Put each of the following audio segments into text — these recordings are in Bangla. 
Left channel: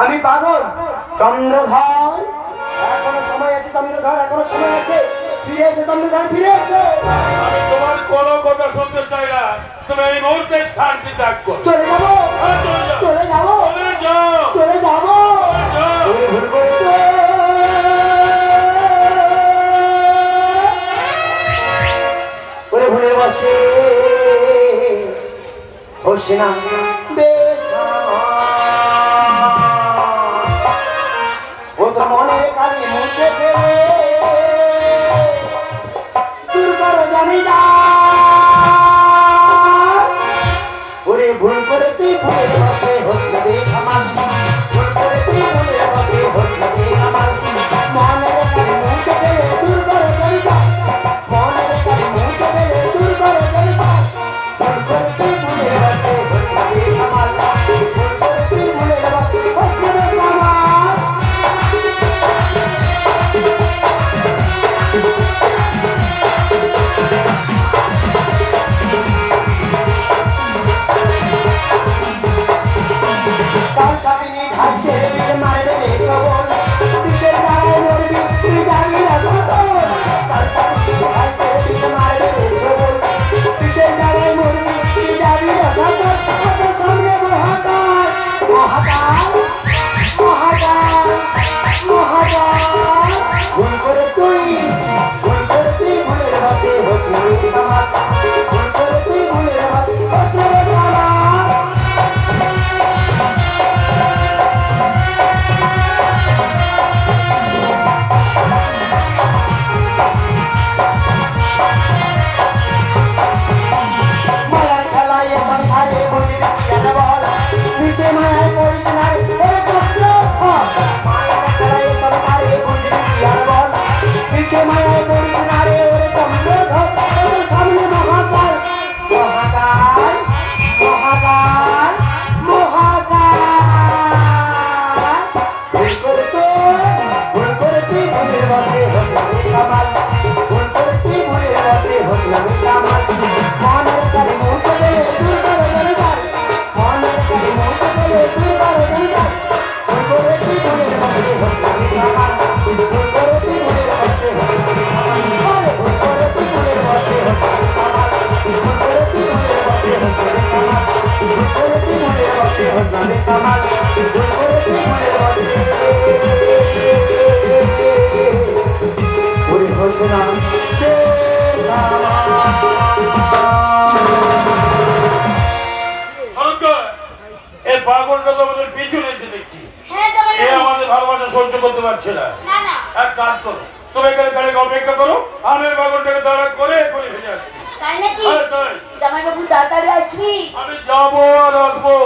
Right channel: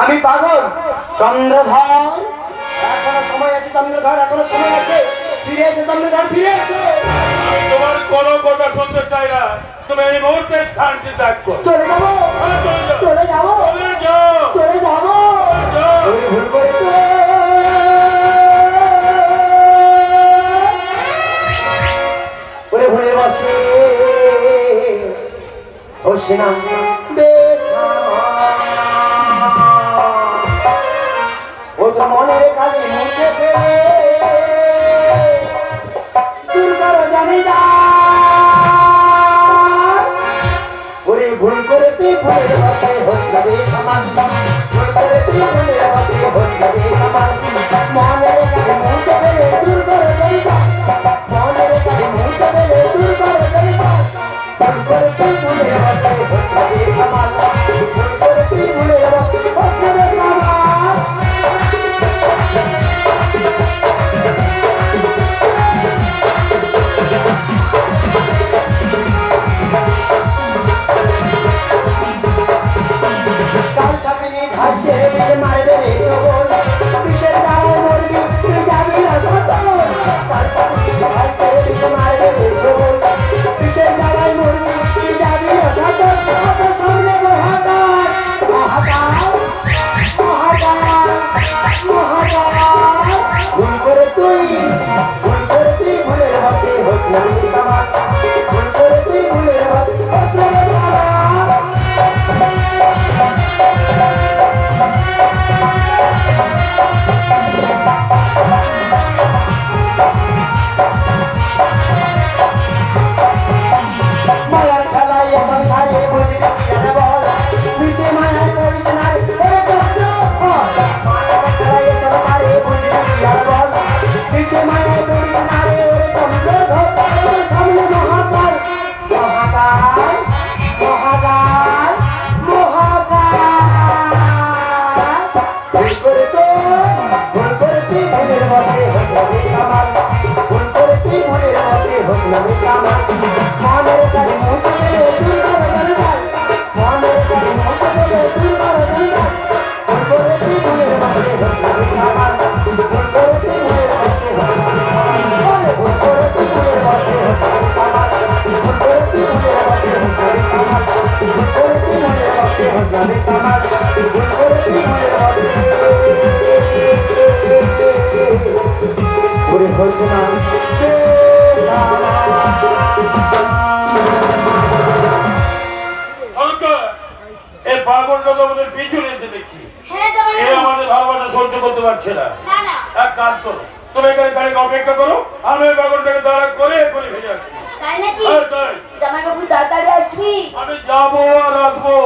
আমি পাগল চন্দ্রধর, এখনো সময় আছে চন্দ্রধর, এখনো সময় আছে, ফিরে এসে চন্দ্রধর, ফিরে এসে। তোমার কোনো কথা শুনতে চাই না, তুমি এই মুহূর্তে স্থানটি ত্যাগ করো। চলে যাবো, চলে যাবো, চলে যাবো। ভুল করতে ওরে ভুলে বসে বসে না বেশ ও তো মনের কাজে মুখে ফেলে দুর্গার জানি না ওরে ভুল করে তুই ভুলের পথে হয়ে যাবে আমার, ভুল করে তুই ভুলের পথে হয়ে যাবে আমার, মনের কাজে মুখে ফেলে দুর্গার জানি না, মনের কাজে মুখে ফেলে দুর্গার জানি না, ভুল করে তুই ভুলের পথে হয়ে যাবে আমার, ভুল করে তুই ভুলের পথে হয়ে যাবে আমার। সহ্য করতে পারছে না, এক কাজ করো, তুমি এখানে দাঁড়িয়ে অপেক্ষা করো, আমি বাগনটাকে দাঁড়া করে করে ফিরে আসবো। তাই নাকি? জামাইবাবু তাড়াতাড়ি আসবি। আমি যাবো আর আসবো,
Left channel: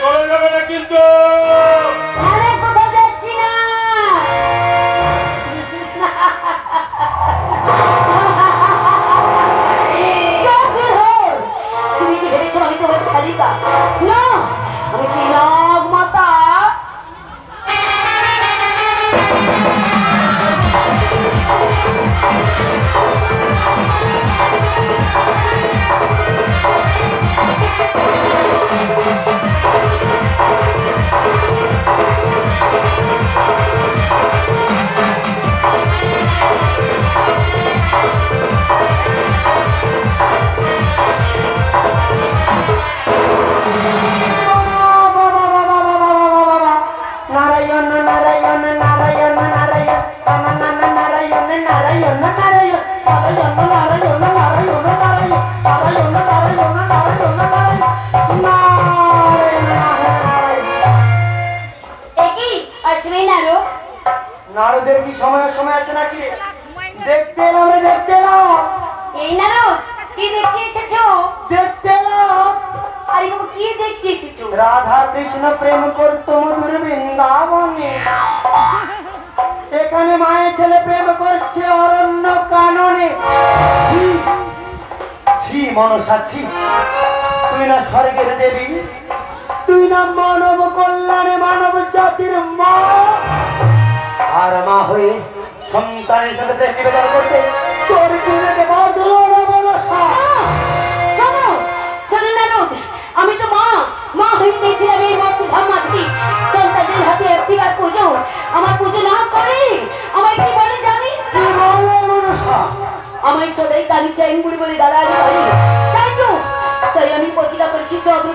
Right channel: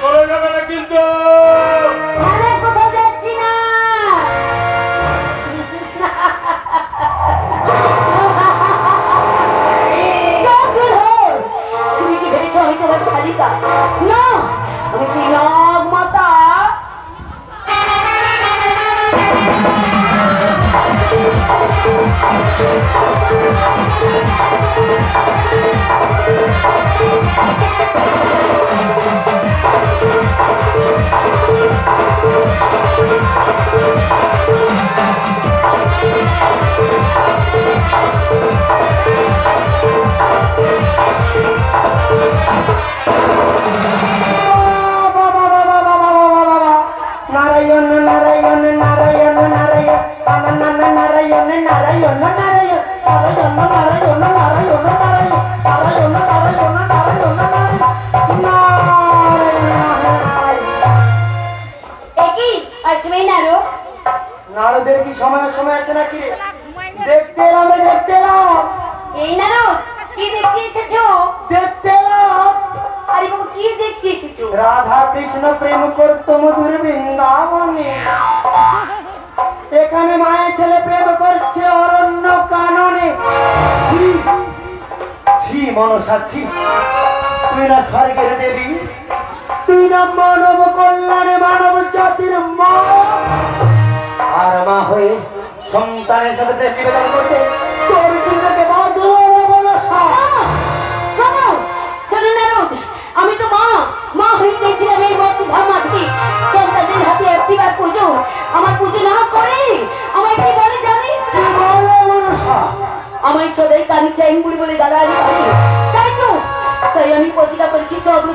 চলে যাবে না কিন্তু। কোথাও যাচ্ছি না। তুমি কি ভেবেছ আমি তোমার শালিকা? না, আমি সেই নাগ মাতা। নারদের কি সময় সময় আছে নাকি? দেখতে এলাম, দেখতে এলাম। এই নারদ, কি দেখতে এসেছো? দেখতে এলাম। আরে বাবু, কি দেখতে এসেছো? রাধা কৃষ্ণ প্রেম করত মধুর বৃন্দাবনে, এখানে মায়ের ছেলে প্রেম করছে অরণ্য কাননে। ছি মনসা ছি, তুই না স্বর্গের দেবী, তুই না মানব কল্যাণে মানব জাতির মা, আর মা হয়ে সন্তানের সাথে প্রেম নিবেদন করতে তোর জীবনে বাঁধল না মনসা। শোনো শোনো নারদ, আমি তো মা হয়ে চেয়েছিলাম এই মত ধাম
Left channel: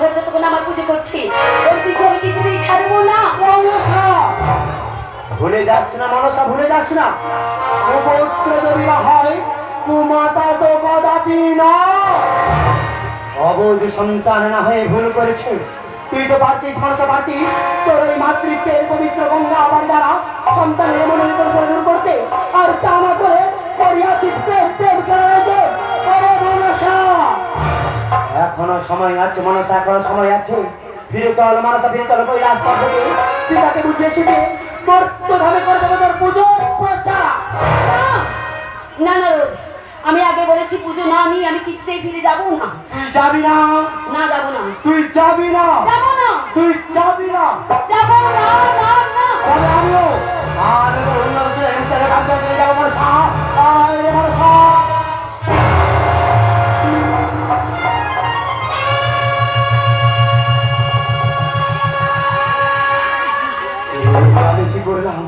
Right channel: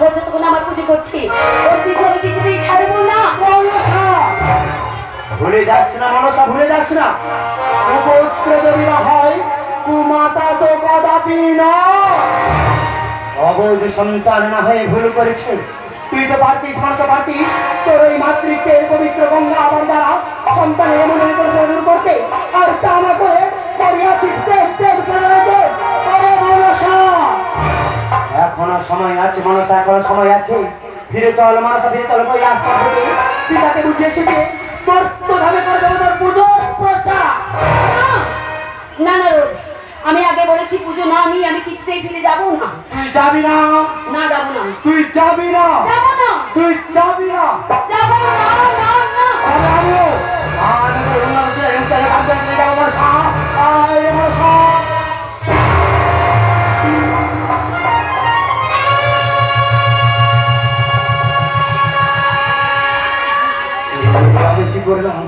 করছে তখন আমার পুজো করছি ওর পিছু আমি কিছুতেই ছাড়বো না। ভুলে যাস না মনসা, ভুলে যাস না কুপুত্র যদি হয় কুমাতা তো কদাপি না। অবধ সন্তান না হয়ে ভুল করেছে, তুই তো পারতিস মনসা, পারতিস তোর এই মাতৃত্বের পবিত্র গঙ্গা আবার দ্বারা সন্তানের মনে শুরু করতে, আর তা না করে করিয়াছিস প্রেম প্রেম করে মনসা। এখনো সময় আছে মনসা, এখনো সময় আছে, ফিরে চল মনসা, ফিরে চল। কই রাস্তা থেকে পিতাকে বুঝিয়ে শিখে মর্তভাবে করে দেবো তোর পুজো প্রচার। না না রোজ, আমি আগে বলেছি পুজো না নিয়ে আমি কিছুতেই ফিরে যাবো না। তুই যাবি না? না যাবো না। তুই যাবি না? যাবো না। তুই যাবি না? যাবো না, না, না। তবে আমিও আমি তোর উন্নয়নের ইন্টারে ভাগ করে যাবো মনসা। আয় মনসা। আমি কি করলাম?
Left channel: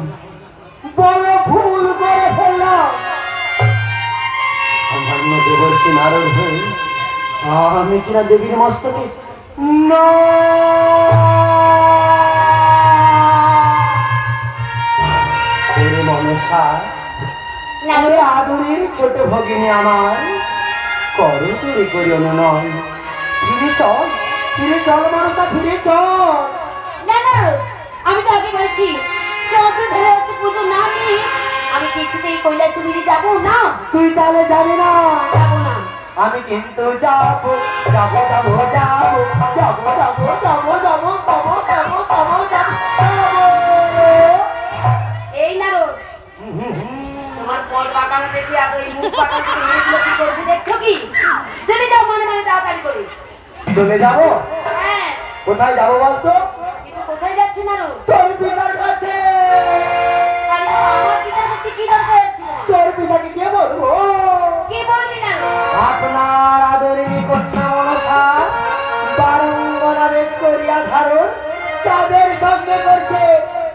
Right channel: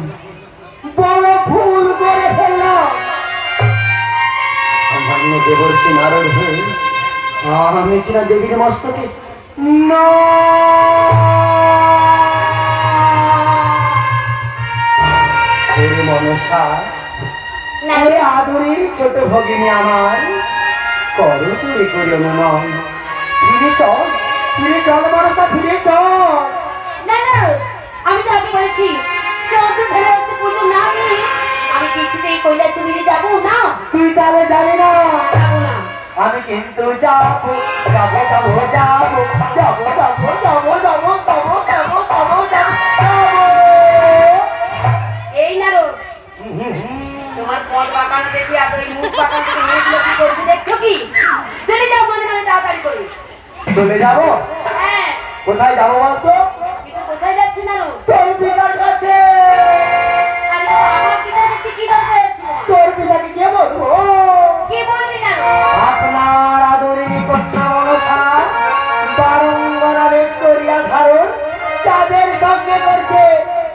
বড় ভুল করে ফেললাম। আমার মধ্যে বলছি নারদ হয়ে আমি কিনা দেবীর মস্তকে না মনসা, ওই আদরের ছোট ভগিনী আমার করো চুরি করিও না, নয় ফিরে চল, ফিরে চল মনসা, ফিরে চল। না না রোজ, আমি তো আগে বলেছি যে ওকে ধরে ওকে পুজো না নিয়ে আমি কিছুতেই কৈলাসে ফিরে যাবো না। তুই তাহলে যাবি না? যাবো না। আমি কিন্তু যাবো যাবো যাবো যাবো যাবো যাবো যাবো যাবো যাবো যাবো যাবো যাবো। এই না রোজ, তোমার পদ বাঁকানো দেখি আর ওই মুখ বাঁকানো থেকে মেয়েগুলো কি করছে দেখছো কি? চলে যাও মনে মনে তাড়াতাড়ি করে। চলে যাবো? হ্যাঁ, কোথায় যাবো বলতো? কিন্তু কোথায় যাচ্ছি না রোজ? তোর পিতার কাছে। আরে আমার পিতা কাছে কি দরকার আছে? তোর পিতাকে কে বলবো? কি বলবি না রোজ? আপনার আদরিনী কন্যা মনসা বারঙ্গনা বেশ করিয়া ধারণ চাঁদের সঙ্গে করছে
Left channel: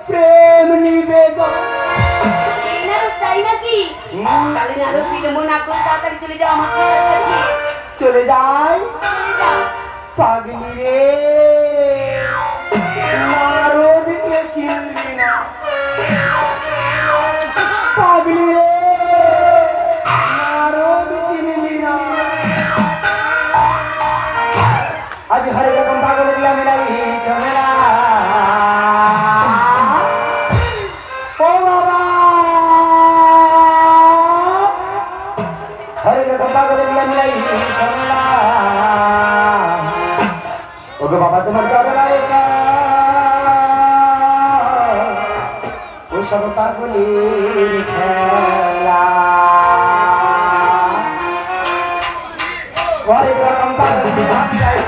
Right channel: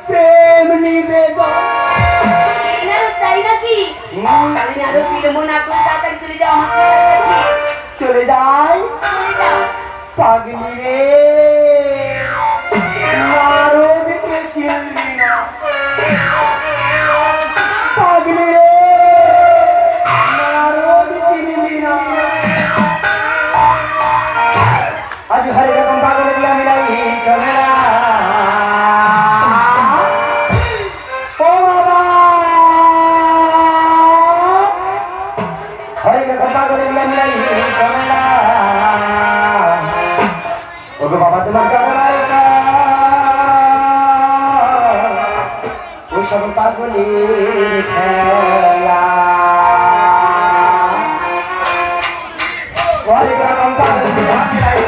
প্রেম নিবেদন। এই না রোজ, তাই নাকি? তাহলে না রোজ বিলম্ব না করে তাড়াতাড়ি চলে যাও আমার পিতার কাছে। চলে যাই চলে যাও। পাগলি রে, নারদকে চিনলি না। পাগলি রে, নারদ চিনলি না। আজ হরে রকম পাগল দিয়া মিলাই ঝামেলা। ও বাবা, হরে রকম পাগল দিয়া মিলাই ঝামেলা। ওগো বাবা তোমার জগরায় ওই সব পাগলের খেলা। হরে রকম পাগল দিয়া মিলাই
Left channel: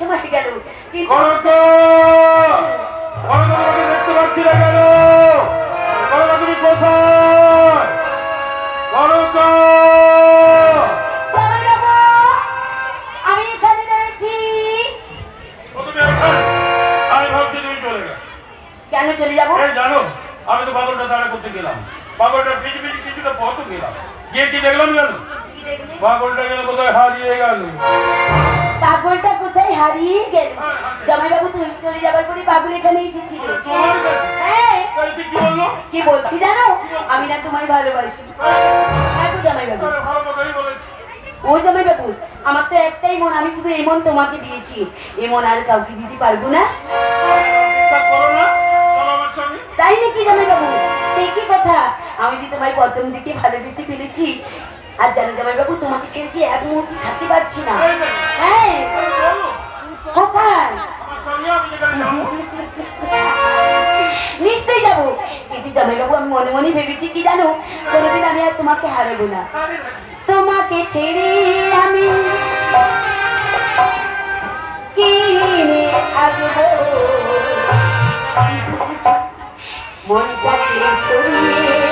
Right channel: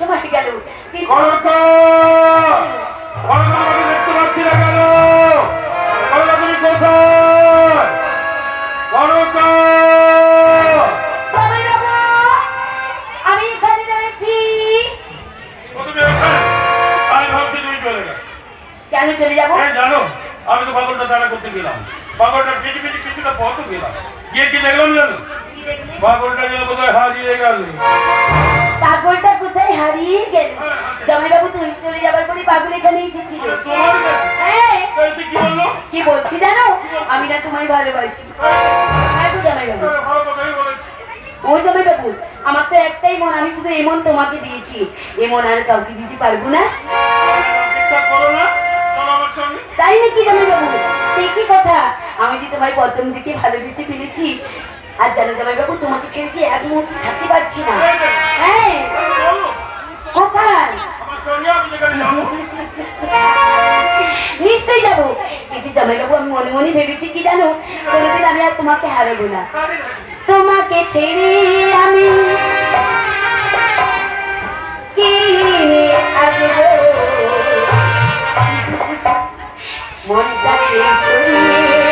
সময় গেল কিন্তু করতো আমি দেখতে পাচ্ছি না কেন? করতো তুমি কোথায়? করতো জামাইবাবু, আমি এখানে রয়েছি। তুমি এখানে? আমি ভাবছি তুমি চলে গেছো। কেন চলে যাবো? এই জানো, আমি তো পাগলটা দাঁড়া করতে গেলাম, পাগলটার পিছু পিছু কিছুটা পথ গেলাম, গিয়ে কি দেখলাম জানো? কি দেখলে? পাগলটা গেল কোথায় হারিয়ে গেল। পাগলটা কোথায় হারিয়ে গেল? জামাইবাবু তুমি চলে যাবার পরে পাগল এখানে এসেছিল। তোমার কাছে? হ্যাঁ, এই তুই কি বললো? কি বলছি জানো? আমি না তোমায় ভালোবাসি। হ্যাঁ তো জামাইবাবু। আরে ভালো কথাই বলেছি। ও জামাইবাবু, আমার তো একটাই মন, আমি শুধু এই মন তোমাকে দিয়েছি, এ মন আর কাউকে দিতে পারবো না। ঠিকঠাক করো না, চলো আমার সঙ্গে। তাই নাকি জামাইবাবু? সে কি কথা, আমি যে তোমায় প্রথম দিকে ভালোবেসে ফেলেছি, আর জানো জামাইবাবু তোমাকে ছেড়ে যে এক মুহূর্তে থাকতে পারছি না। হ্যাঁ, বলো, কোথায়? আমার সঙ্গে আমি যেখানে যাবো। নিশ্চয়ই যাবো, কিন্তু জামাইবাবু আমি মনে মনে ভেবেছি কি জানো, কোনোদিন আমি আর তোমাকে হারাবো না। তোমাকে ছেড়ে আমি কি আসবো, মনটাকে সরিয়ে